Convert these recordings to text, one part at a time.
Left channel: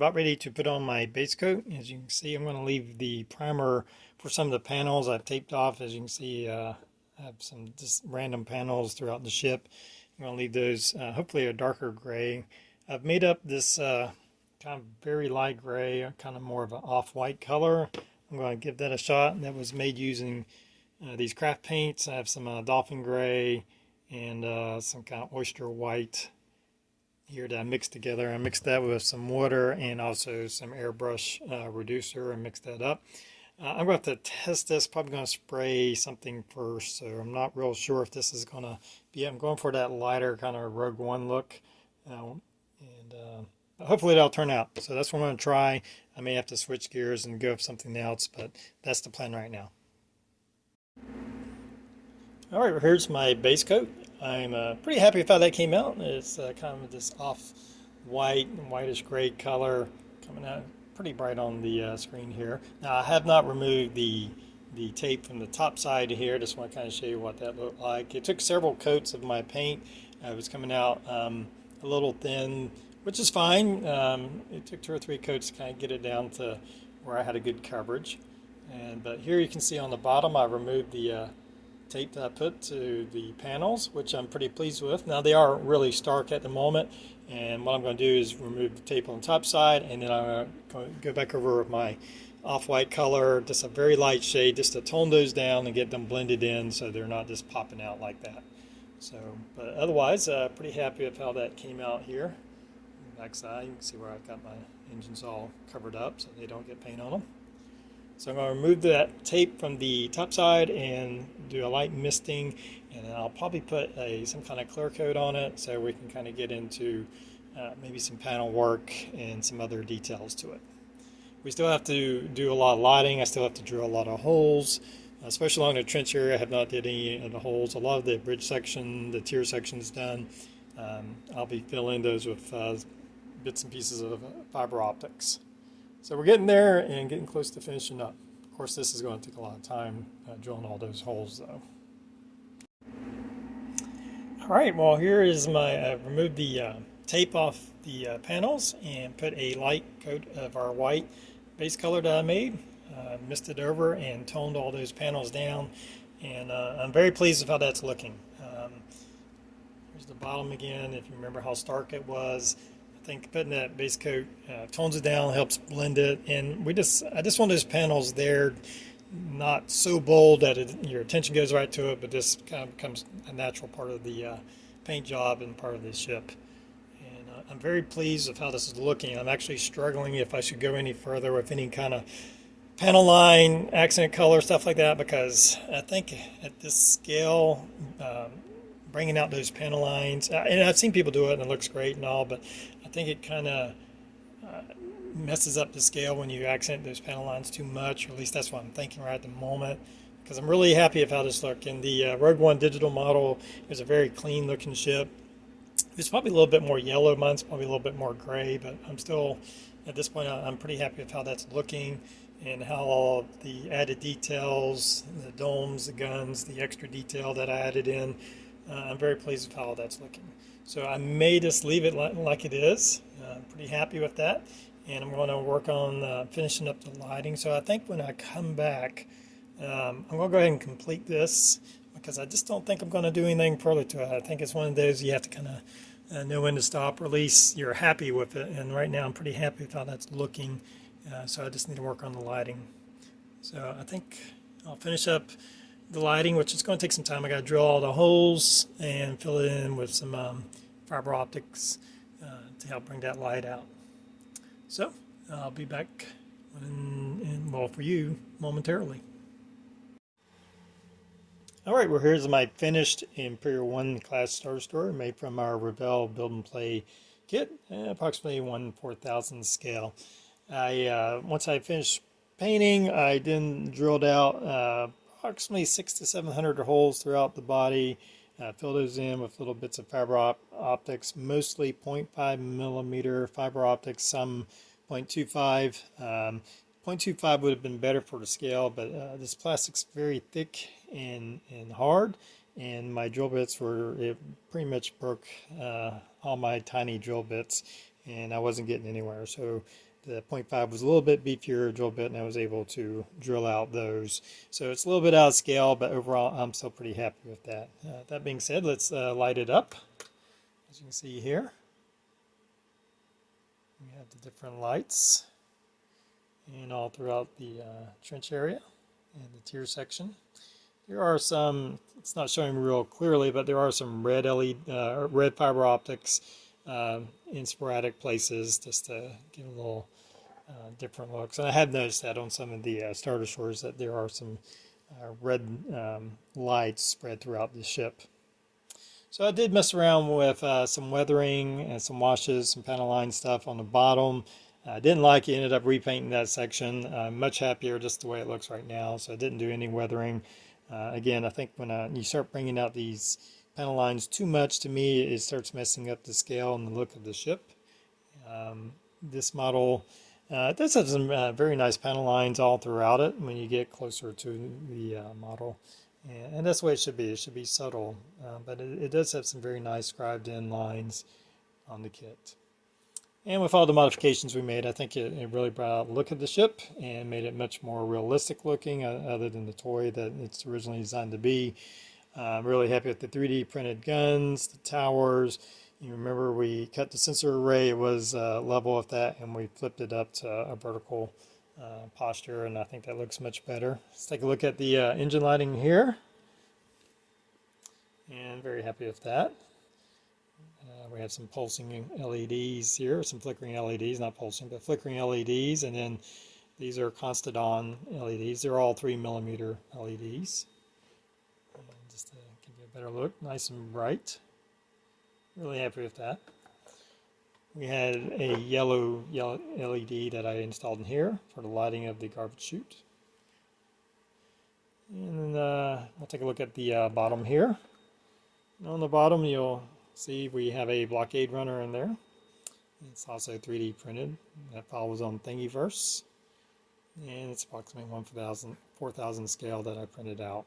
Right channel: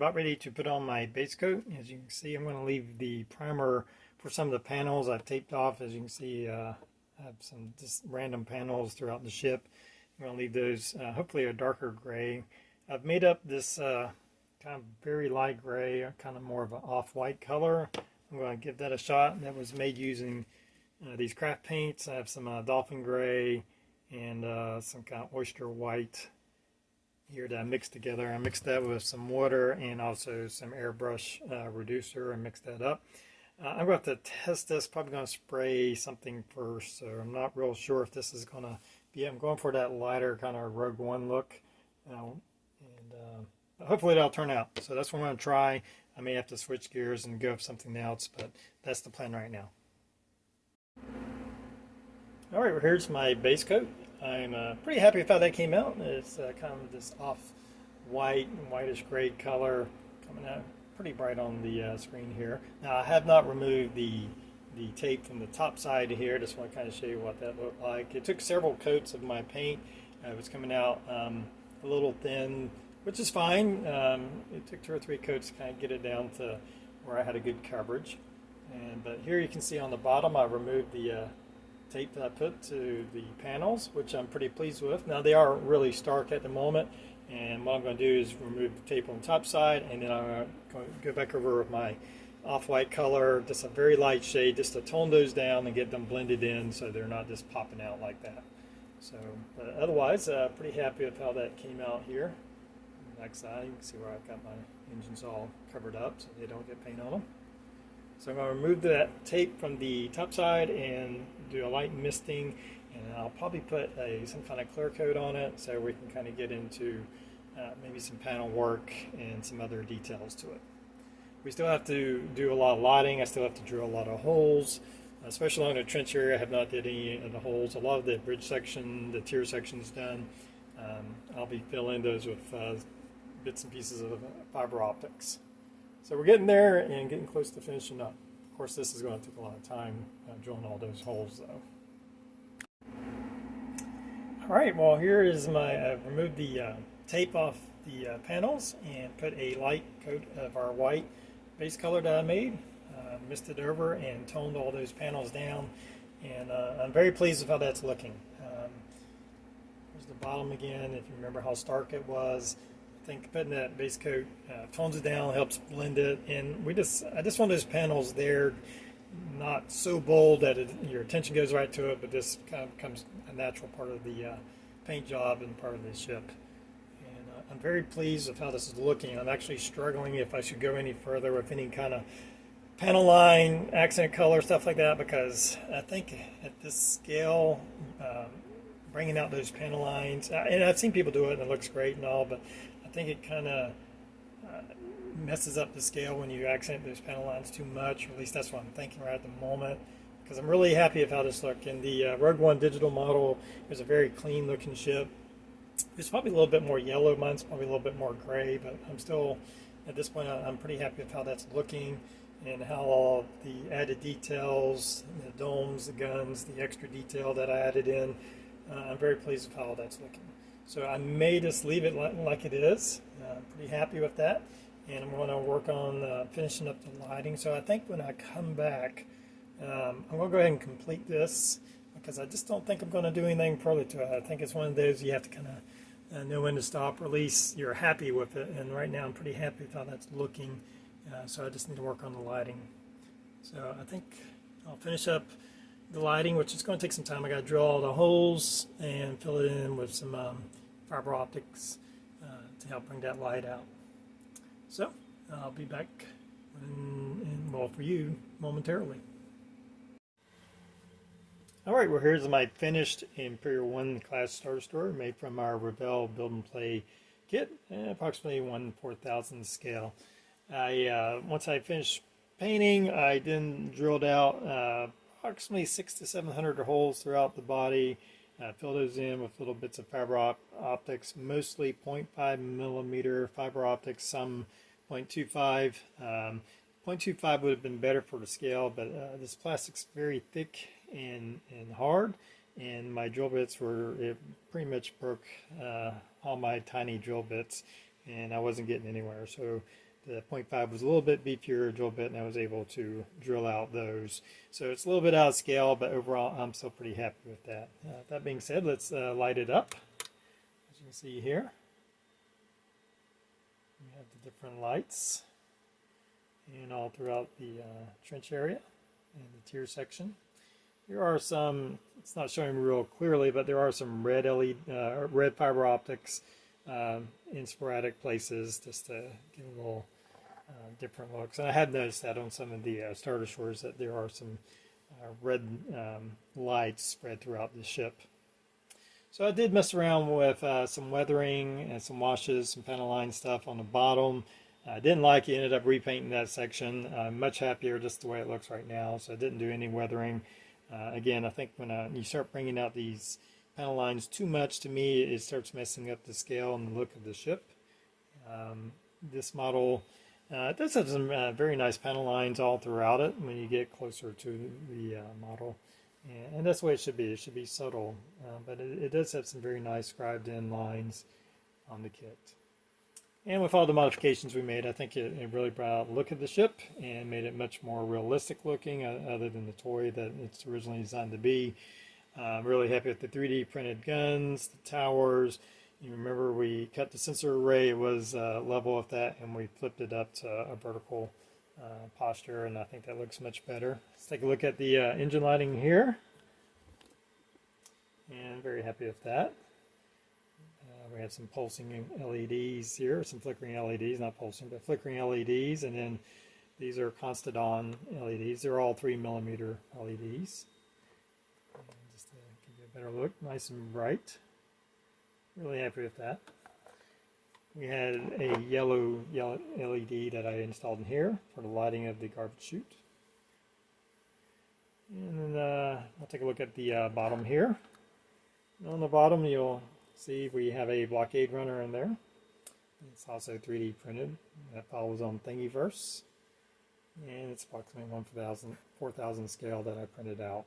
about ready to put on my base coat. As you can see, I'm going to leave the primer for some of the panels I've taped off. As you can see, I have some just random panels throughout the ship. I'm going to leave those hopefully a darker gray. I've made up this kind of very light gray, kind of more of an off-white color. I'm going to give that a shot. That was made using these craft paints. I have some dolphin gray and some kind of oyster white here that I mixed together. I mixed that with some water and also some airbrush reducer and mixed that up. I'm going to have to test this. Probably going to spray something first, so I'm not real sure if this is going to be. I'm going for that lighter kind of Rogue One look, and hopefully that'll turn out. So that's what I'm going to try. I may have to switch gears and go with something else, but that's the plan right now. All right, well, here's my base coat. I'm pretty happy with how that came out. It's kind of this off-white, whitish gray color coming out pretty bright on the screen here. Now, I have not removed the tape from the top side here. Just want to kind of show you what that looked like. It took several coats of my paint. It was coming out a little thin, which is fine. It took 2 or 3 coats to kind of get it down to where I had a good coverage. But here you can see on the bottom, I removed the tape that I put to the panels, which I'm pretty pleased with. Now they are really stark at the moment, and what I'm going to do is remove the tape on the top side, and then I'm going to go back over with my off-white color, just a very light shade, just to tone those down and get them blended in so they're not just popping out like that. So, but otherwise, pretty happy with how that came out here. Backside, you can see where I've got my engines all covered up so they don't get paint on them. So I'm going to remove that tape from the top side and do a light misting, and then I'll probably put some kind of clear coat on it so we can kind of get into maybe some panel work and some other details to it. We still have to do a lot of lighting. I still have to drill a lot of holes, especially along the trench area. I have not did any of the holes. A lot of the bridge section, the tier section is done. I'll be filling those with bits and pieces of fiber optics. So we're getting there and getting close to finishing up. Of course, this is going to take a lot of time drilling all those holes, though. All right, well, here is I've removed the tape off the panels and put a light coat of our white base color that I made. Misted over and toned all those panels down, and I'm very pleased with how that's looking. Here's the bottom again, if you remember how stark it was. I think putting that base coat tones it down, helps blend it, and I just want those panels there, not so bold that your attention goes right to it, but just kind of becomes a natural part of the paint job and part of the ship. And I'm very pleased with how this is looking. I'm actually struggling if I should go any further with any kind of panel line, accent color, stuff like that, because I think at this scale, bringing out those panel lines, and I've seen people do it and it looks great and all, but I think it kind of messes up the scale when you accent those panel lines too much, or at least that's what I'm thinking right at the moment, because I'm really happy with how this looked. In the Rogue One digital model, it was a very clean looking ship. It's probably a little bit more yellow. Mine's probably a little bit more gray, but I'm still, at this point, I'm pretty happy with how that's looking and how all the added details, the domes, the guns, the extra detail that I added in, I'm very pleased with how that's looking. So I may just leave it like it is. I'm pretty happy with that. And I'm going to work on finishing up the lighting. So I think when I come back, I'm going to go ahead and complete this, because I just don't think I'm going to do anything further to it. I think it's one of those you have to kind of know when to stop, or at least you're happy with it. And right now I'm pretty happy with how that's looking. So I just need to work on the lighting. So I think I'll finish up the lighting, which is going to take some time. I got to drill all the holes and fill it in with some fiber optics to help bring that light out. So I'll be back well, for you momentarily. All right, well, here's my finished Imperial 1 class Star Destroyer made from our Revell build and play kit, approximately 1/4000 scale. Once I finished painting, I then drilled out approximately 600 to 700 holes throughout the body. Fill those in with little bits of fiber optics, mostly 0.5 millimeter fiber optics, some 0.25. 0.25 would have been better for the scale, but this plastic's very thick and hard, and my drill bits it pretty much broke all my tiny drill bits, and I wasn't getting anywhere. So the .5 was a little bit beefier drill bit, and I was able to drill out those. So it's a little bit out of scale, but overall I'm still pretty happy with that. That being said, let's light it up. As you can see here, we have the different lights and all throughout the trench area and the tier section. There are some, it's not showing real clearly, but there are some red red fiber optics in sporadic places just to give a little different looks. And I have noticed that on some of the star destroyers that there are some red lights spread throughout the ship. So I did mess around with some weathering and some washes, some panel line stuff on the bottom. I didn't like it, ended up repainting that section. I'm much happier just the way it looks right now, so I didn't do any weathering. Again, I think when you start bringing out these panel lines too much, to me, it starts messing up the scale and the look of the ship. This model does have some very nice panel lines all throughout it when you get closer to the model. And that's the way it should be. It should be subtle, but it does have some very nice scribed in lines on the kit. And with all the modifications we made, I think it really brought out the look of the ship and made it much more realistic looking, other than the toy that it's originally designed to be. I'm really happy with the 3D printed guns, the towers. You remember we cut the sensor array, it was level with that, and we flipped it up to a vertical posture, and I think that looks much better. Let's take a look at the engine lighting here. And very happy with that. We have some pulsing LEDs here, some flickering LEDs, not pulsing, but flickering LEDs, and then these are constant on LEDs. They're all 3mm LEDs. And just to give you a better look, nice and bright. Really happy with that. We had a yellow LED that I installed in here for the lighting of the garbage chute. And we'll take a look at the bottom here. On the bottom, you'll see we have a blockade runner in there. It's also 3D printed. That file was on Thingiverse. And it's approximately 1/4000 scale that I printed out.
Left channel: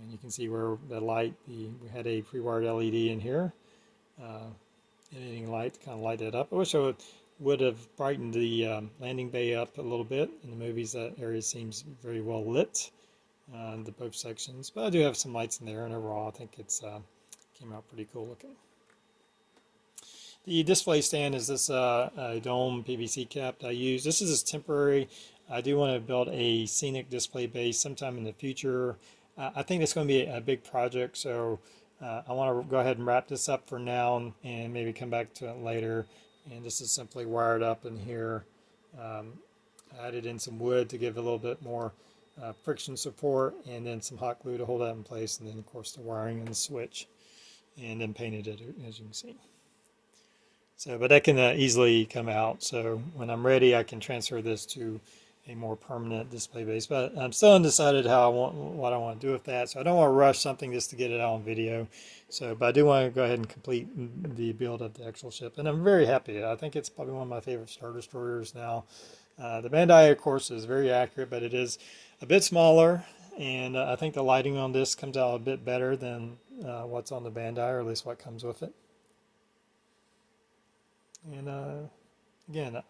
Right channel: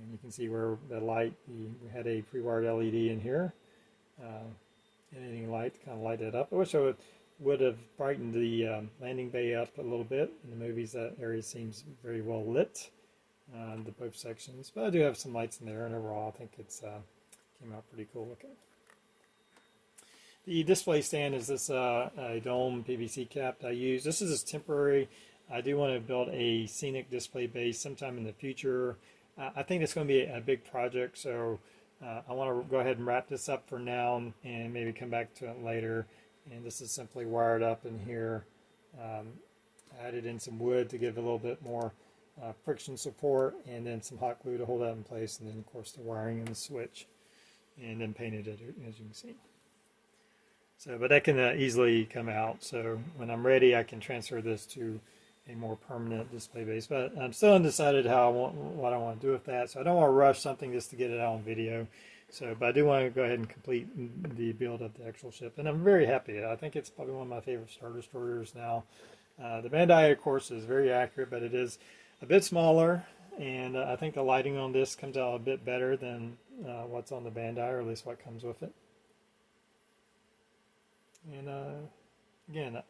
And you can see where the light, we had a pre-wired LED in here. Anything light to kind of light it up. I wish I would have brightened the landing bay up a little bit. In the movies, that area seems very well lit, the both sections. But I do have some lights in there, and overall, I think it's came out pretty cool looking. The display stand is this a dome PVC cap that I use. This is just temporary. I do want to build a scenic display base sometime in the future. I think it's going to be a big project, so I want to go ahead and wrap this up for now and maybe come back to it later. And this is simply wired up in here. Added in some wood to give a little bit more friction support, and then some hot glue to hold that in place, and then of course the wiring and the switch, and then painted it, as you can see. So, but that can easily come out. So when I'm ready, I can transfer this to a more permanent display base. But I'm still undecided what I want to do with that. So I don't want to rush something just to get it out on video. So, but I do want to go ahead and complete the build of the actual ship, and I'm very happy. I think it's probably one of my favorite Star Destroyers now. The Bandai, of course, is very accurate, but it is a bit smaller, and I think the lighting on this comes out a bit better than what's on the Bandai, or at least what comes with it. And again,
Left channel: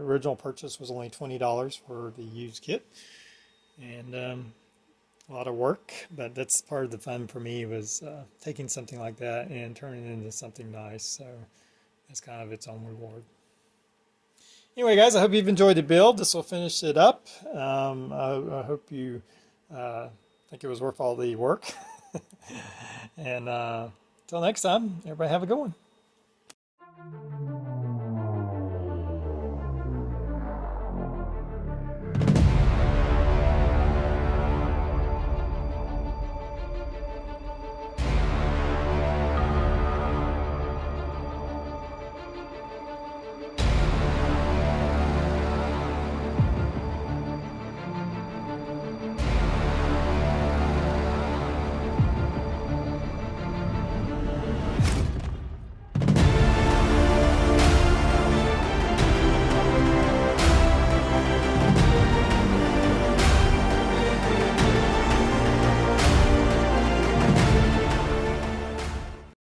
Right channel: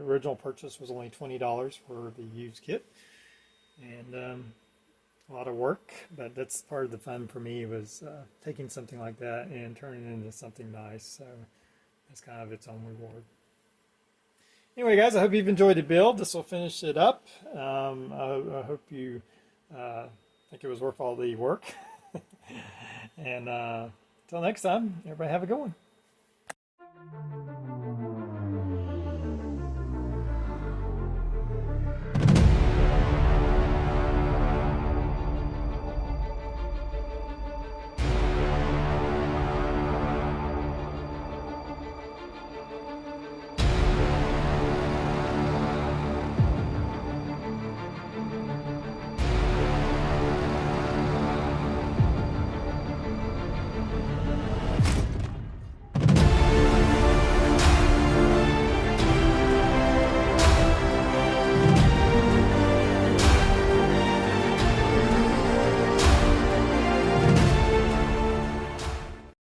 original purchase was only $20 for the used kit, and a lot of work, but that's part of the fun for me, was taking something like that and turning it into something nice. So it's kind of its own reward. Anyway, guys, I hope you've enjoyed the build. This will finish it up. I hope you think it was worth all the work. And until next time, everybody have a good one.